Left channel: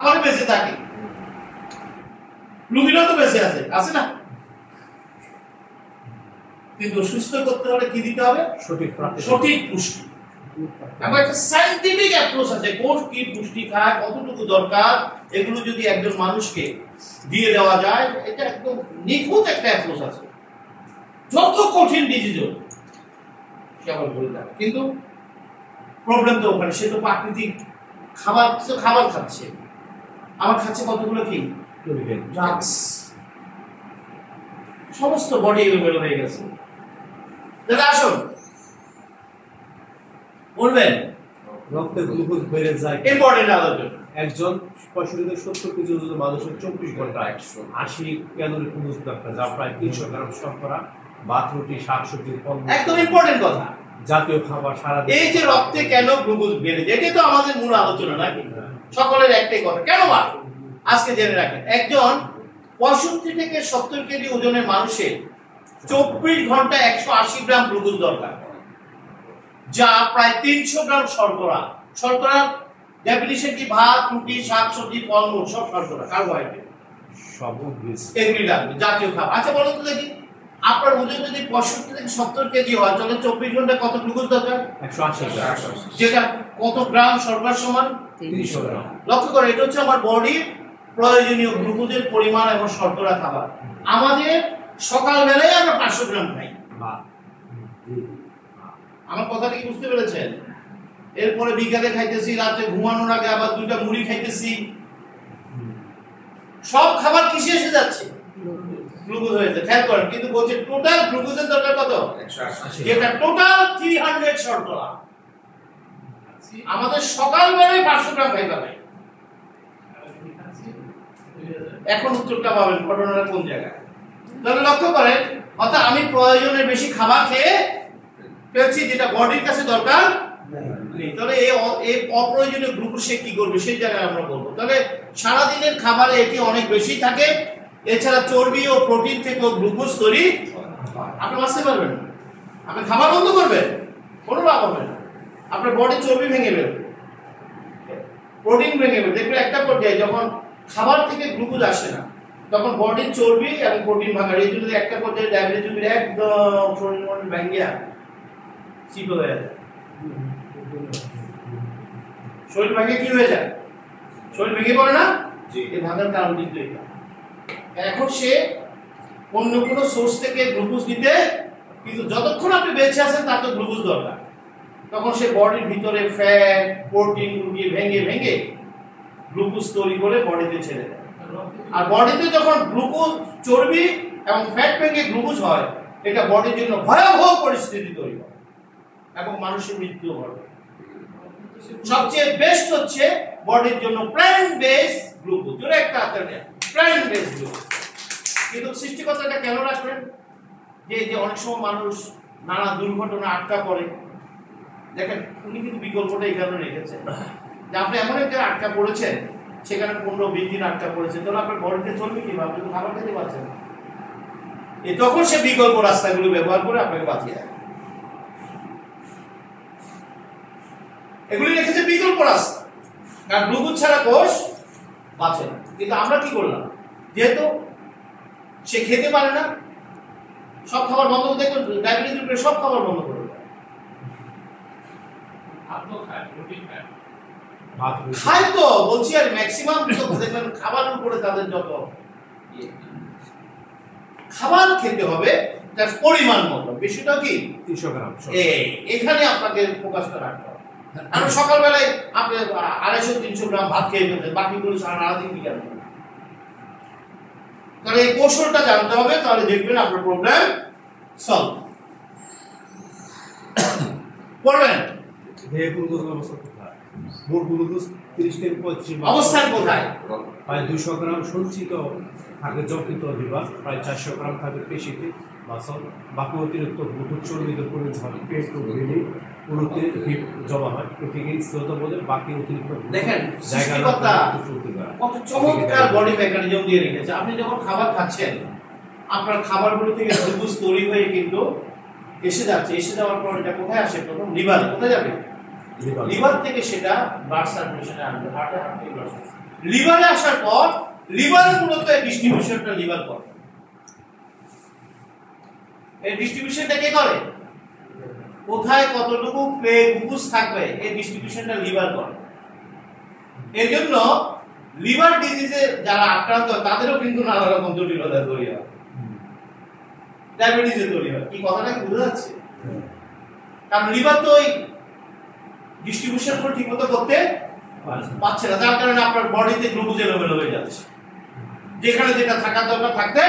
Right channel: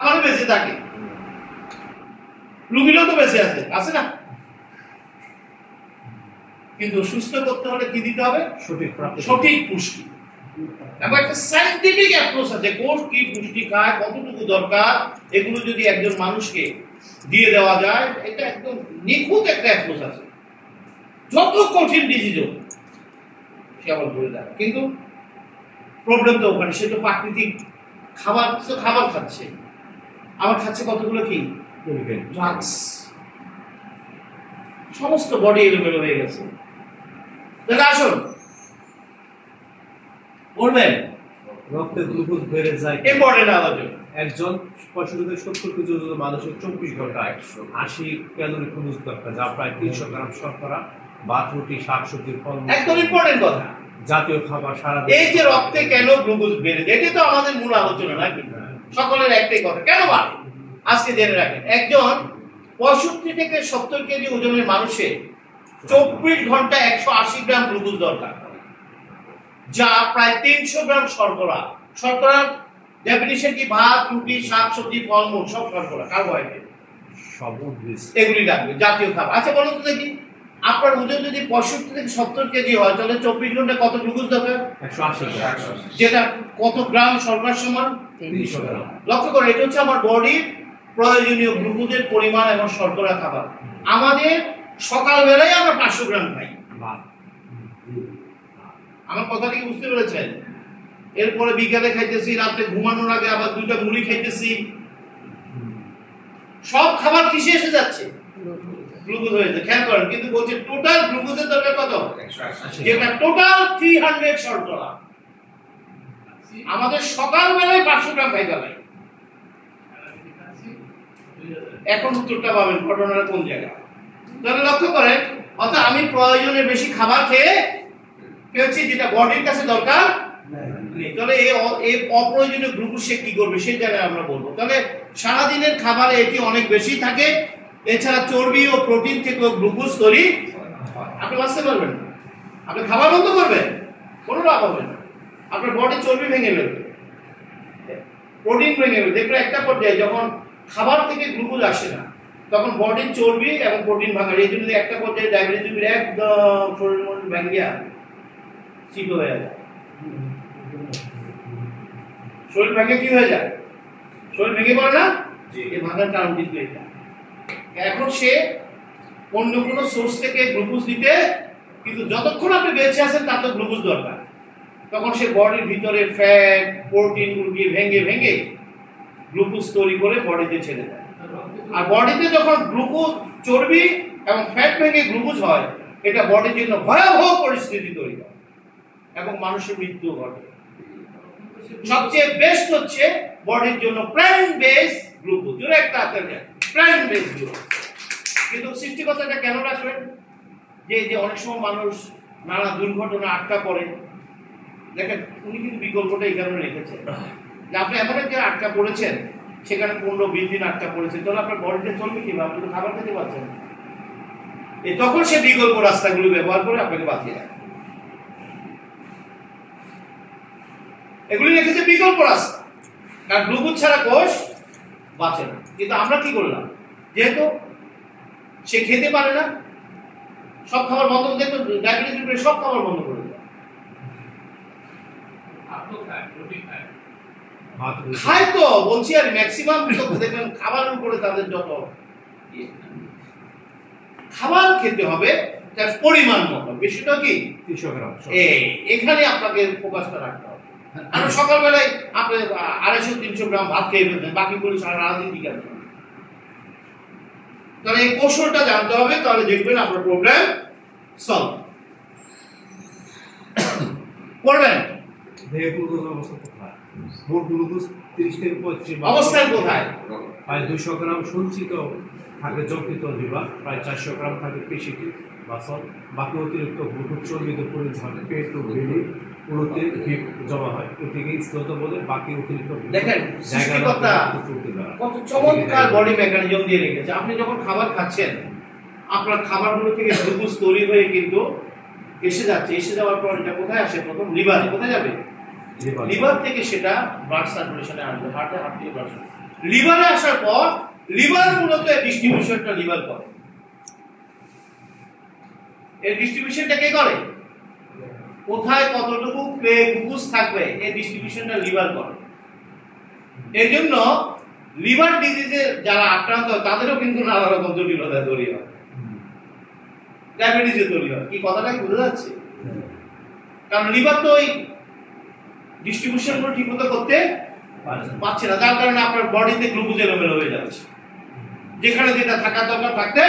আমার বেঁচে থাকে, রোগীরাও তো বেঁচে আছে, আছে না? কিন্তু সুস্থ করতে হলে কি দিতে হবে? সঠিক পুষ্টি। এবং একটা সায়েন্টিফিক অ্যাপ্রোচ আছে, কোষ কি পুষ্টি খায়, কতটুকু দরকার, এগুলো যদি একজন মানুষকে দিয়ে দেওয়া যায়, এটা একদম নিখুঁত একটা অ্যাপ্রোচ আছে। যত কঠিন ডিজিজ সে আবার বলে দেয়। কিন্তু প্রবলেম তো ওখানে, সে তো প্রাকৃতিক খাবার খাচ্ছে, আমার খাচ্ছে কতগুলো কি ড্রাগস, সমস্ত বডি এলোমেলো হয়ে গেছে। তাহলে আসুন বলবেন রক্তে গ্লুকোজ বেড়ে যায়, ইম্পর্টেন্ট আলোচনা। একজন 65 থেকে 70 কেজি ওজনের মানুষের 24 ঘন্টা 180 ক্যালোরি খরচ দরকার, যা প্রায় 300 গ্রাম শর্করা, ভাত, রুটি, শাকসবজি, ফল, একদম ইম্পর্টেন্ট কথা, জাতীয় খাবার সারা। এই যে রক্তে কেন গ্লুকোজ বেড়ে যায়, এটা তো আমাদের মূল আলোচনা নাকি? সকলের একটাই কথা, কেন বাড়ে আজকে জেনে রাখেন। একজন 65 থেকে 70 কেজি ওজনের মানুষের 24 ঘন্টা 180 গ্রাম গ্লুকোজ দরকার, যা প্রায় 300 গ্রাম শর্করা। শর্করার ডেফিনিশন কি? ভাত, রুটি, শাকসবজি, ফলমূল, সব শর্করা, কার্বোহাইড্রেট, সব উদ্ভিদ, এগুলি লাগবে, জাতীয় খাবার। আচ্ছা বলো তো দেখি, আপনার ওজন যদি 65 থেকে 70 কেজি হয়, তাহলে 24 ঘন্টা কত গ্লুকোজ দরকার? 180 গ্রাম, যেটা কত গ্রাম শর্করার সমান? 300 গ্রাম। লক্ষ্য করে, এটা হচ্ছে আমার বডির প্রয়োজনীয় গ্লুকোজের পরিমাণ এবং শর্করা খাবার। আমাদের সকালবেলায় আমরা 500 গ্রাম খাই। আমার কথাটা কি বুঝতে পেরেছেন? এরপরে বিকালে খাইতেছি, রাতে ঘুমানোর আগে আবার 2টা মুড়ি খাইতেছি। সব খাবার কিসে এসে যাচ্ছে? গ্লুকোজ হয়েছে। খেয়াল করেন, কিন্তু বলছে টোটাল গ্লুকোজের দরকার কত? 180, যেটা টোটাল 300 শর্করা। আমাদের সকালবেলায় 500 গ্রাম খাই ফেলাই। এখন উত্তরটা পাবেন ঘটনাটা কোন জায়গায়। তাহলে লক্ষ্য করেন, অর্থাৎ আমি প্রয়োজনের বেশি খাবার খেয়ে ফেলছি, যেটা বডির কাছে দরকার নেই। তাহলে এই অপ্রয়োজনীয় গ্লুকোজ সে কি করবে, সেই জায়গায় আমরা বলবো। তাহলে সারাদিনের খাবারে এটি অনেক বেশি থাকে। এছাড়া চর্বি ও প্রোটিন থেকেও গ্লুকোজ তৈরি আপনি বাঁচতে পারবেন না। আপনি খাবার বন্ধ করবেন, কোনো লাভ হবে না। আপনার বডি চর্বি ভেঙে ফেলবে, প্রোটিন ভেঙে ফেলবে। দেখবেন একটা পর্যায়ে যখন খাবার থেকে গ্লুকোজ আসে না, তখন বডির চর্বি এবং প্রোটিন ভাঙা। এই জন্য একটা পর্যায়ে ডায়াবেটিস একদম শরীর মন ভেঙে চিটো হয়ে যায়। শরীর ভেঙে কি হয়ে যায়? শরীর ভেঙে পড়ে না? এই ভাঙার কারণ কিন্তু এটা। এখন সে অন্য কোনো সোর্স থেকে গ্লুকোজ দিতে, কিন্তু যতক্ষণ আপনি বেঁচে আছেন তার তো গ্লুকোজ দরকার। তখন সে বডির ভিতরে ফ্যাট, প্রোটিন গুলিয়ে ভেঙে গ্লুকোজ তৈরি করে বডিতে ছেড়ে দেয়। আর বডিতে যখন গ্লুকোজ, চর্বি এবং ফ্যাট ভেঙে গ্লুকোজ হয়, এটা বডির জন্য ভয়াবহ পরিস্থিতি তৈরি করে এবং মানুষের মৃত্যু ঘটে। সবচেয়ে বেস্ট হচ্ছে বডির জন্য প্ল্যান্ট বেস গ্লুকোজ, যেটা একটা আছে প্ল্যান্ট বেস গ্লুকোজ। কিন্তু সৃষ্টিকর্তাটা কেন রাখবেন? যে অনেক সময় মানুষ নানা দুর্ঘটনা আটকা পড়ে। দেখেন, উনি কিন্তু বিকল্পটা এই কারণে রেখেছেন যে আপনি এমন একটা আটকা পড়েছেন, সেখানে 15-20 দিন আটকা পড়েছেন, তাহলে আপনার বডিতে চলবে কিভাবে? আপনি তো খাবার খেতে পারছেন। তখন সে বিকল্প রাস্তাগুলো ব্যবহার করে আপনাকে বাঁচিয়ে রাখে। এগুলি রেখেছে বিকল্প রাস্তা, কারণ গ্লুকোজ ছাড়া কোষ বাঁচে না। কিন্তু আমরা কি করলাম? যেহেতু সে খেতে পারে না, সব খাবার বন্ধ করে, দেখবেন ডায়াবেটিস সব খাবার বন্ধ করে দেয়। খায় তো বলছি, আর ম্যাক্সিমাম দেখবেন খাবারের উপরে তাদের যত খাবার খেতে হবে তার পরিমাণ মতো। বেশিটা কি 300 গ্রাম, এখানে আপনাকে ফোকাসটা রাখতে হবে। আর সকালবেলায় আপনি 250-300 গ্রাম ভাত খেয়ে ফেলতেন, বাকিগুলো সারাদিন কি করবেন? তাহলে এই কৌশলটা জানতে হবে, তাহলে দেখবেন আপনার প্রবলেম সলভ করবেন। দেহে গ্লুকোজ অবস্থা কোথায়? মোট গ্লুকোজ 30 থেকে 35 অবস্থান কোথায়? প্রায় 200 গ্রাম সঞ্চিত থাকে যকৃত লিভার, প্রায় 400 গ্রাম থাকে পেশিতে মাসল, বাকি অতিরিক্ত গ্লুকোজ চর্বিতে পরিণত হয় পেট ও বেলি পুরোতে জমা হয়। এটিকে স্থূলতা বলে। বাকি অতিরিক্ত দেখেন সৃষ্টিকর্তা কত চমৎকার বডি মেকানিজম দিয়ে রেখেছে। আপনি যখন খাবার খাচ্ছেন, আপনার খাবারগুলো থেকে গ্লুকোজ তৈরি হয়ে কিন্তু এসে যাচ্ছে। এসে যাওয়ার পর এটা কোথায় আসে? প্রথম লিভারে। কোথায় যাবে? লিভার থেকে সেটা ব্লাড সার্কুলেশনে আসবে, হার্টে ব্লাড সার্কুলেশন। লিভারে আসার পর লিভার মূলত এই ডিস্ট্রিবিউশনটা লিভার করে। এই ডিস্ট্রিবিউশনটা কে করে? কোথায় কতটুকু গ্লুকোজ থাকবে এই ডিস্ট্রিবিউশনটা লিভার করে। এর জন্য লিভার ডিজিজে যারা আক্রান্ত তাদেরও কিন্তু নানা রকম জটিলতা তৈরি হয়, ডায়াবেটিসে তৈরি হয়। কি কথাটা কি বোঝা যাচ্ছে? কারণ লিভার তো ওই ডিস্ট্রিবিউশন ঠিকমতো করতে পারছে না, যার কারণে আপনার বডিতে গ্লুকোজ এলোমেলো হয়ে যাচ্ছে, যেখানে যেটা থাকার দরকার থাকতে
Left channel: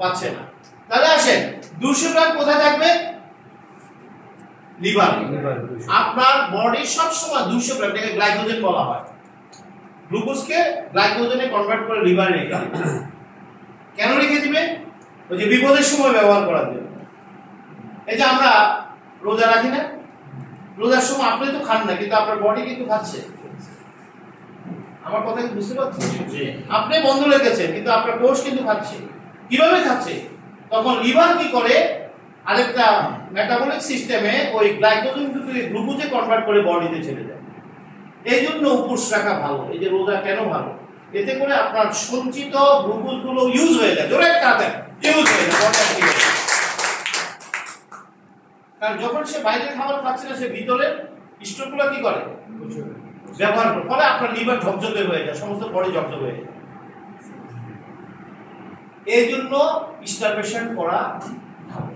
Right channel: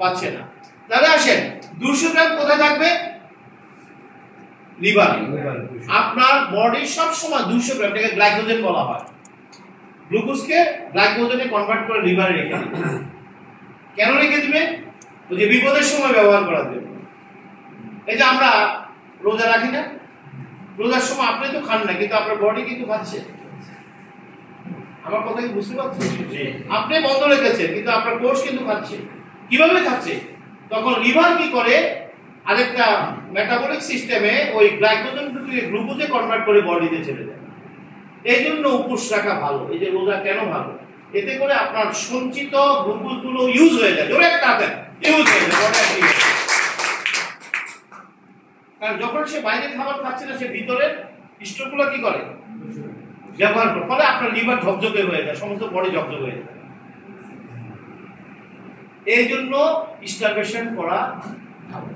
পারছে না। তাহলে আসেন 200 গ্রাম কোথায় থাকবে? লিভার। আপনার বডি সব সময় 200 গ্রাম এটাকে গ্লাইকোজেন বলা হয়, গ্লুকোজকে গ্লাইকোজেনে কনভার্ট করে লিভারে রেখে দিবে। কেন রেখে দিবে? ওই যে বিপদের সময় ব্যবহার করার জন্য। এই যে আমরা রোজা রাখি না, রোজার সময় আপনি তো খান না, কিন্তু আপনার বডি কিন্তু খাচ্ছে। আমার কথা কি বুঝতে পারছেন? আপনি বন্ধ রেখেছেন কিন্তু আপনার কোষ কিন্তু খাচ্ছে। কিভাবে খাচ্ছে? তখন লিভার কি করে, আরেকটা মেটাবলিক সিস্টেমে ওই গ্লাইকোজেনকে গ্লুকোজে কনভার্ট করে বডিতে ছেড়ে দেয়। এই জন্য উপোস রাখা ভালো। এই যে রোজা কেন ভালো? এতে করে আপনার সঞ্চিত গ্লুকোজ গুলো ইউজ হয়ে যায়, জোরে একটা দেন, ইউজ হয়ে যায়। কারণ যখন সে বাইরে খাবার খাচ্ছে না, সে ভিতরে স্টোরগুলো কি করে, ব্যবহার করে, ফলে আপনার লিভার ঝকঝকে হয়ে যায়, সমস্ত বডি ঝকঝকে হয়ে যায়। এই জন্য স্টারভেশন করা ভালো।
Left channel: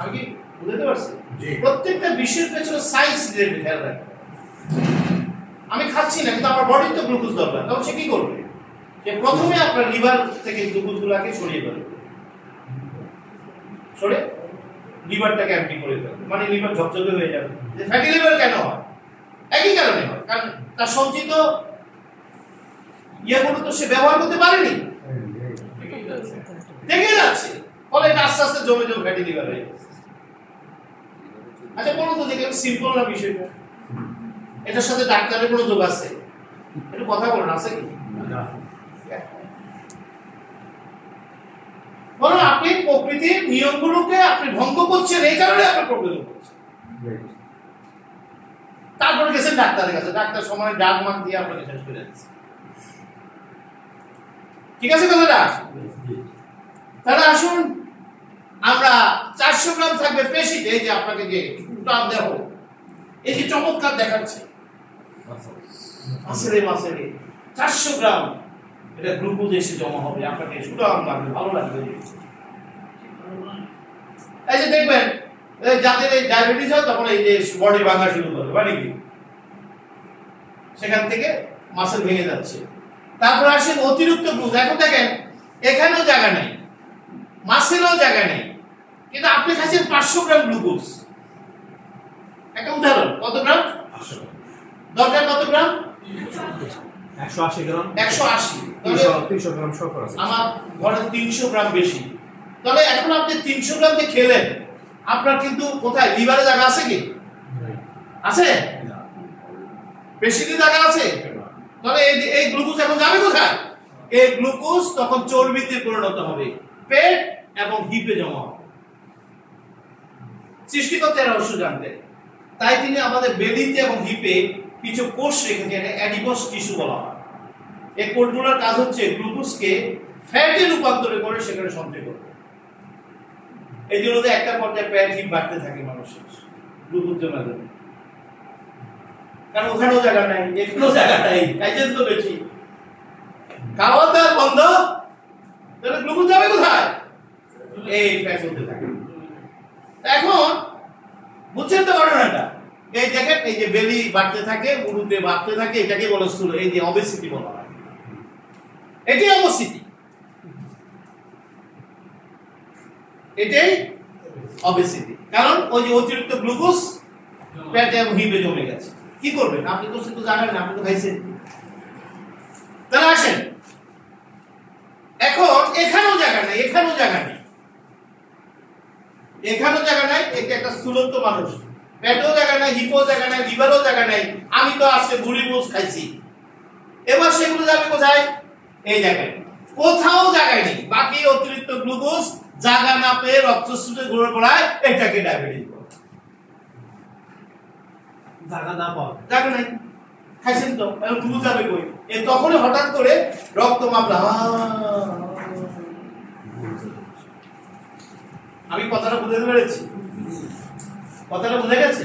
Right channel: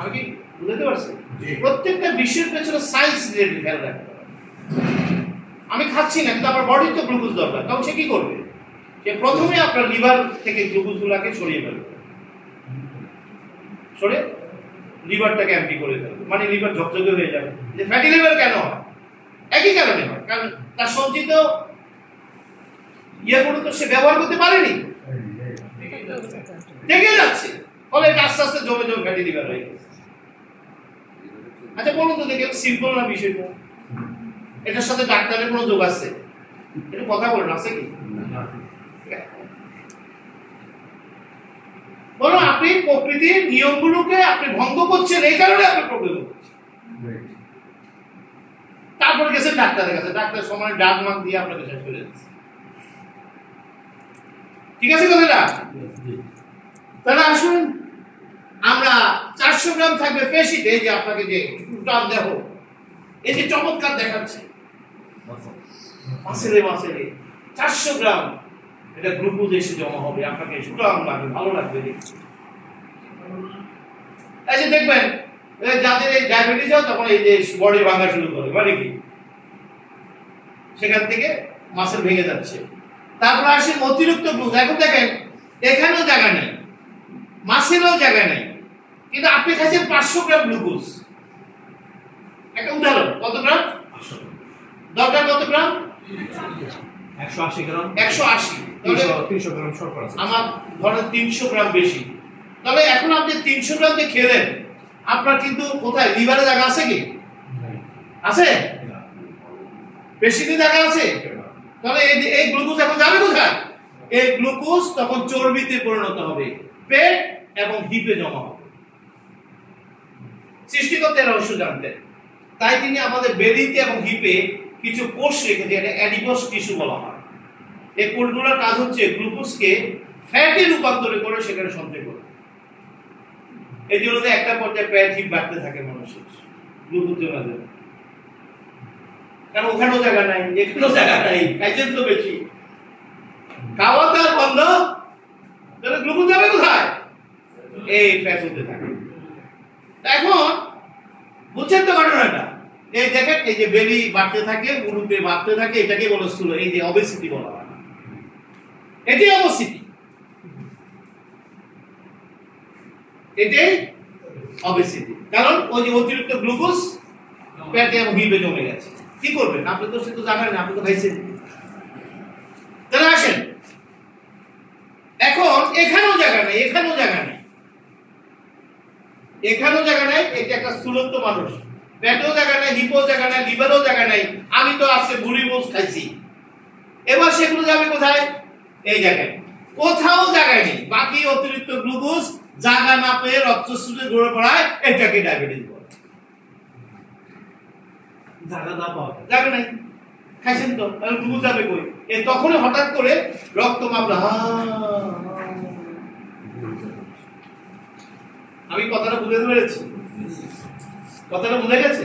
আমি কি বুঝতে পারছি? প্রত্যেকটা বিষয়ের পেছনে সায়েন্স রিলেটেড খেয়াল রাখতে হবে। আমি খাচ্ছি না কিন্তু আমার বডির তো গ্লুকোজ দরকার, তখন সে কি করবে? সে প্রথমে আপনার লিভার থেকে গ্লুকোজ গুলাকে সরিয়ে ফেলবে, সরে লিভারটাকে এমটি করে ফেলবে, মানে লিভার ঝকঝকে হয়ে যাবে। যে ফ্যাটি লিভার কেন হয়? একই কারণে হয়, কারণ তার সঞ্চিত ইয়েগুলো তো সে ব্যবহার করতে পারেনি, দেখে যাচ্ছে, ফলে আস্তে আস্তে জমে জমে ফ্যাটি লিভার হয়ে গেছে। আচ্ছা বলুন তো দেখি, সিম্পল না বিষয়টা? এটার সাথে ডাক্তারের কোনো যোগ আছে? একটু কথা বলুন, আছে কি? বলো, আপনি প্রকৃতির নিয়মগুলোকে আপনি ভঙ্গ করছেন, এই কারণে আপনি প্রবলেম হচ্ছে। তারপরে গেছেন ডাক্তারের কাছে, ডাক্তার সময় ডাক মাক দিয়ে আপনাকে শেষ করে দিচ্ছে। ঠিক আছে কথাটা? তাহলে আসুন আমরা 400 গ্রাম থাকবে পেশিতে, এই যে আপনাকে যে উল্টান দেহ, এই যে চমৎকার দেখাচ্ছে মাসেরে 400 গ্রাম এটা গ্লুকোজ এসে জমা হবে, আপনাকে সুটাম লাগবে, ভালো লাগবে। এই যে দেখবেন যাদের এই ডায়াবেটিস হয় তখন এই যে বডি ভাঙা শুরু করে, মানে কি সেখান থেকে মাসেল ভেঙে যাচ্ছে। তারপর আসেন অতিরিক্ত গ্লুকোজ। এখন দেখেন এখানেও জায়গা নেই, মাসেলও জায়গা নেই, কিন্তু আপনি খাচ্ছেন 500 গ্রাম গ্লুকোজ। একটা উদাহরণ, কত গ্রাম দরকার? কত গ্রাম? 180 গ্রাম। 180। 300 গ্রাম শর্করা আছে। আমার ধরেন 300 গ্রাম বেশি। তবে এখন আপনি 300 গ্রাম দিয়ে খেলেন, আপনার কিন্তু কোথায় লিভারে জায়গা আছে কি? আছে? পেশিতে জায়গা আছে? তাহলে এই গ্লুকোজ এখন যাবে কোথায়? এই গ্লুকোজ তখন চর্বিতে পরিণত হবে, পেট এবং হিপে জমা হবে। সৃষ্টিকর্তার রহস্য জানতেন, তাই তিনি আমাদের বেদিতে এবং হিপে কিছু কোষ রেখেছেন, এটা অ্যাডিপোস টিস্যু বলা হয়। এই কোষগুলোর কাজ হচ্ছে গ্লুকোজকে ফ্যাটে রূপান্তর করে সেখানে সঞ্চয় করবে। এই জন্য একটা পর্যায়ে পেট হিপ বাড়তে থাকে মানুষের গ্লুকোজ জমা জমে, কারণ ওখানেও জায়গা নাই, এখানেও জায়গা নাই, খাইছেন তো বেশি, খাওয়া দাওয়া বন্ধ, তাহলে গ্লুকোজ যাবে কোথায়? এই ফ্যাট হতে থাকে। এখন বুঝছেন তো ঘটনাটা? এই দেখেন, এই যে বেলি বাড়তে থাকে, উরুতে বাড়তে থাকে, এটাকে বলে স্থূল, এই যে অবেসিটি বলা হয়, এটি অবেসিটি, এটাই অবেসিটি। কারণ ওই যে অতিরিক্ত গ্লুকোজ পেটে এবং হিপে জমে গেছে। কি করবেন? আপনি তো সেটা জানেন না, আপনি তো খাইছেন। তাহলে আসেন, এখন এখানেও জায়গা নেই, এখানেও জায়গা নেই, এখানেও জায়গা নাই। এটা একটা স্থূলত্ব মানুষ, পেটেও জায়গা নাই, হিপেও জায়গা নাই, লিভারেও জায়গা নাই। আমি তো আজকে ভুড়ি মোজ খাইছি, এবার সেগুলো যাবে কোথায়? এই জায়গায় কোথাও জায়গায় নেই। বাকি অতিরিক্ত গ্লুকোজ জায়গা না পেয়ে রক্তস্রোতে ঘুরে পড়ায়, এটাকে ডায়াবেটিস বলে। জায়গা না পাওয়া, জায়গা নাই। খাইছেন তো, গ্লুকোজ যাবে কই? তখনই হঠাৎ করে রক্ত মাপলা। আমি কথাটা বুঝতে পেরেছি? কথাটা বুঝে গেছে?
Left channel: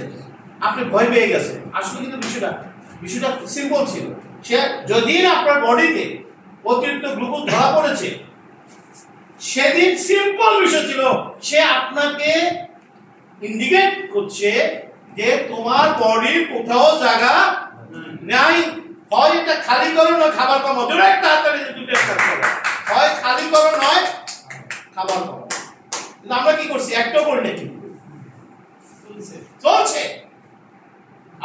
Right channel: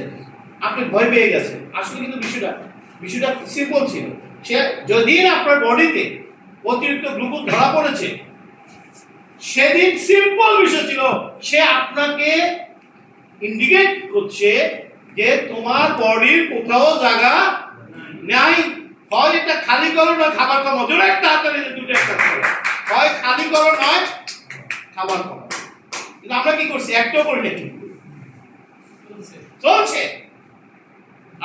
আপনি ভয় পেয়ে গেছেন। আসলে কিন্তু বিষয়টা সিম্পল ছিল। সে যদি আপনার বডিতে অতিরিক্ত গ্লুকোজ ধরা পড়েছে, সেদিন সিম্পল বিষয় ছিল, সে আপনাকে ইন্ডিকেট করছে যে তোমার বডির কোথাও জায়গা নাই, হয় এটা খালি করো না খাবার কম। জোরে একটা হাততালি, দুটো একটা করো, হয় খালি করো নয় খাবার কম। কিন্তু আমরা কি করছি? একটাও করি না, কিন্তু চলছে।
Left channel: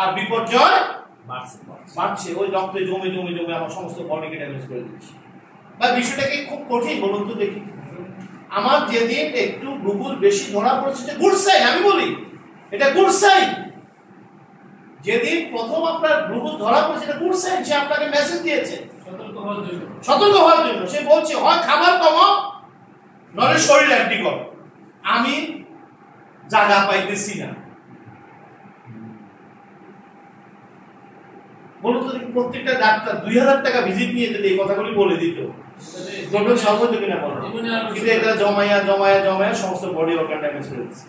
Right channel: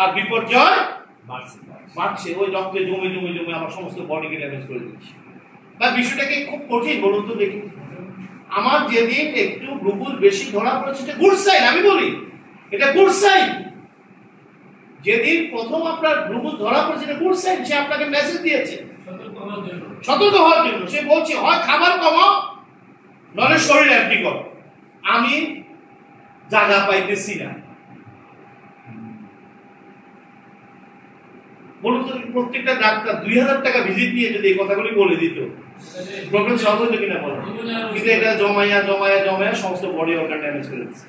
আর বিপর্যয় বাড়ছে, ওই রক্তে জমে জমে জমে আমার সমস্ত বডিকে ড্যামেজ করে দিচ্ছে। বা বিষয়টা কি খুব কঠিন বলুন তো দেখি? আমার যেদিন একটু গ্লুকোজ বেশি ধরা পড়েছে, এটা গুড সাইন। আমি বলি এটা গুড সাইন। যেদিন প্রথম আপনার গ্লুকোজ ধরা পড়েছে, এটা গুড সাইন। সে আপনাকে মেসেজ দিয়েছে সতর্ক হওয়ার জন্য। সে বলছে হয় খাবার কমাও, নলে শরীর অ্যাক্টিভ করো। আমি জায়গা পাইতেছি না। বলুন তো, প্রত্যেকটা ডাক্তার 2000 টাকা ভিজিট নিয়ে যদি এই কথাগুলি বলে দিত, প্রবলেম সলভ হতো কিনা বলো? কিন্তু এটা জমায়া জমায়া জমায়া সমস্ত বডি অর্গান ড্যামেজ করে দিচ্ছে।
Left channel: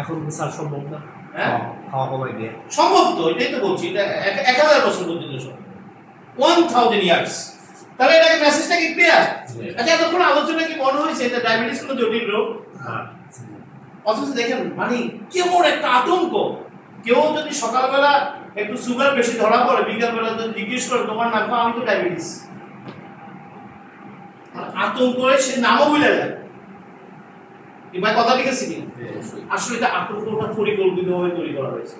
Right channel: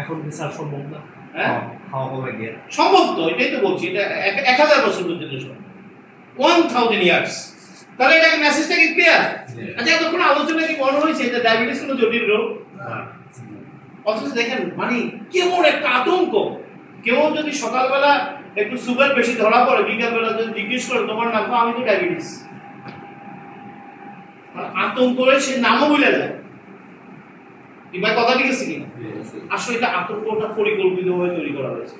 এখন কি স্যার সম্ভব না? হ্যাঁ, খাওয়া কমাই দিয়ে সম্ভব তো, এটাই তো বলছি। এটা 1000 বছর পর্যন্ত সম্ভব, 1000 ইয়ার্স। তাহলে এটাকে মেসেজটা কি ক্লিয়ার? আচ্ছা, এতক্ষণ আলোচনা কি মনে হয়েছে এটা ডায়াবেটিস কোনো জটিল রোগ? অথচ দেখেন মানে কেমন একটা আতঙ্ক। কেউ যদি সকালবেলা একটু সুগার বেশি ধরা পড়ে, বিকালবেলা যদি জিজ্ঞেস করে তোমার নাম, আমি তো ডায়াবেটিস, আতঙ্ক করে সে নামও ভুলে যায়। এবার কথা ঠিক আছে কিনা? আসলে এটা আতঙ্কটা পরিকল্পিতভাবে তৈরি করা হয়েছে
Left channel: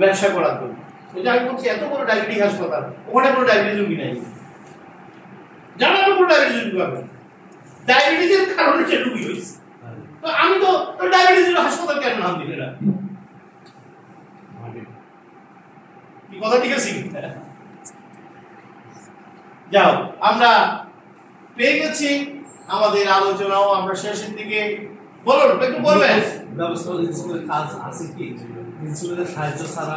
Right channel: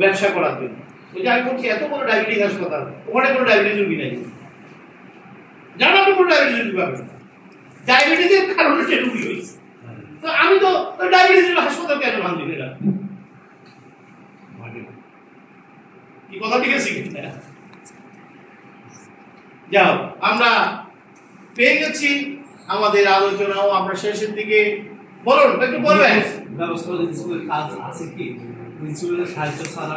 ব্যবসা করার জন্য। ওই যে আমি বলছি এত বড় ডায়াবেটিস হাসপাতাল, ওখানে কোনো ডায়াবেটিস রোগী নাই, জানা তো কোনো ডায়াবেটিস রোগী পাবে। ডায়াবেটিসের কারণে সে রোগী হয়েছে। তো আমি তো ডায়াবেটিসের হাসপাতাল কেন নাম দিলে না? কি কথা ঠিক আছে কিনা? যাও, আমরা পেয়ে গেছি আমাদের আলোচনাও আমরা শেষের দিকে। বলুন, একটু বলবেন ব্যবস্থা কাজ আছে কি? ইনসুলিনের সাহায্য ছাড়া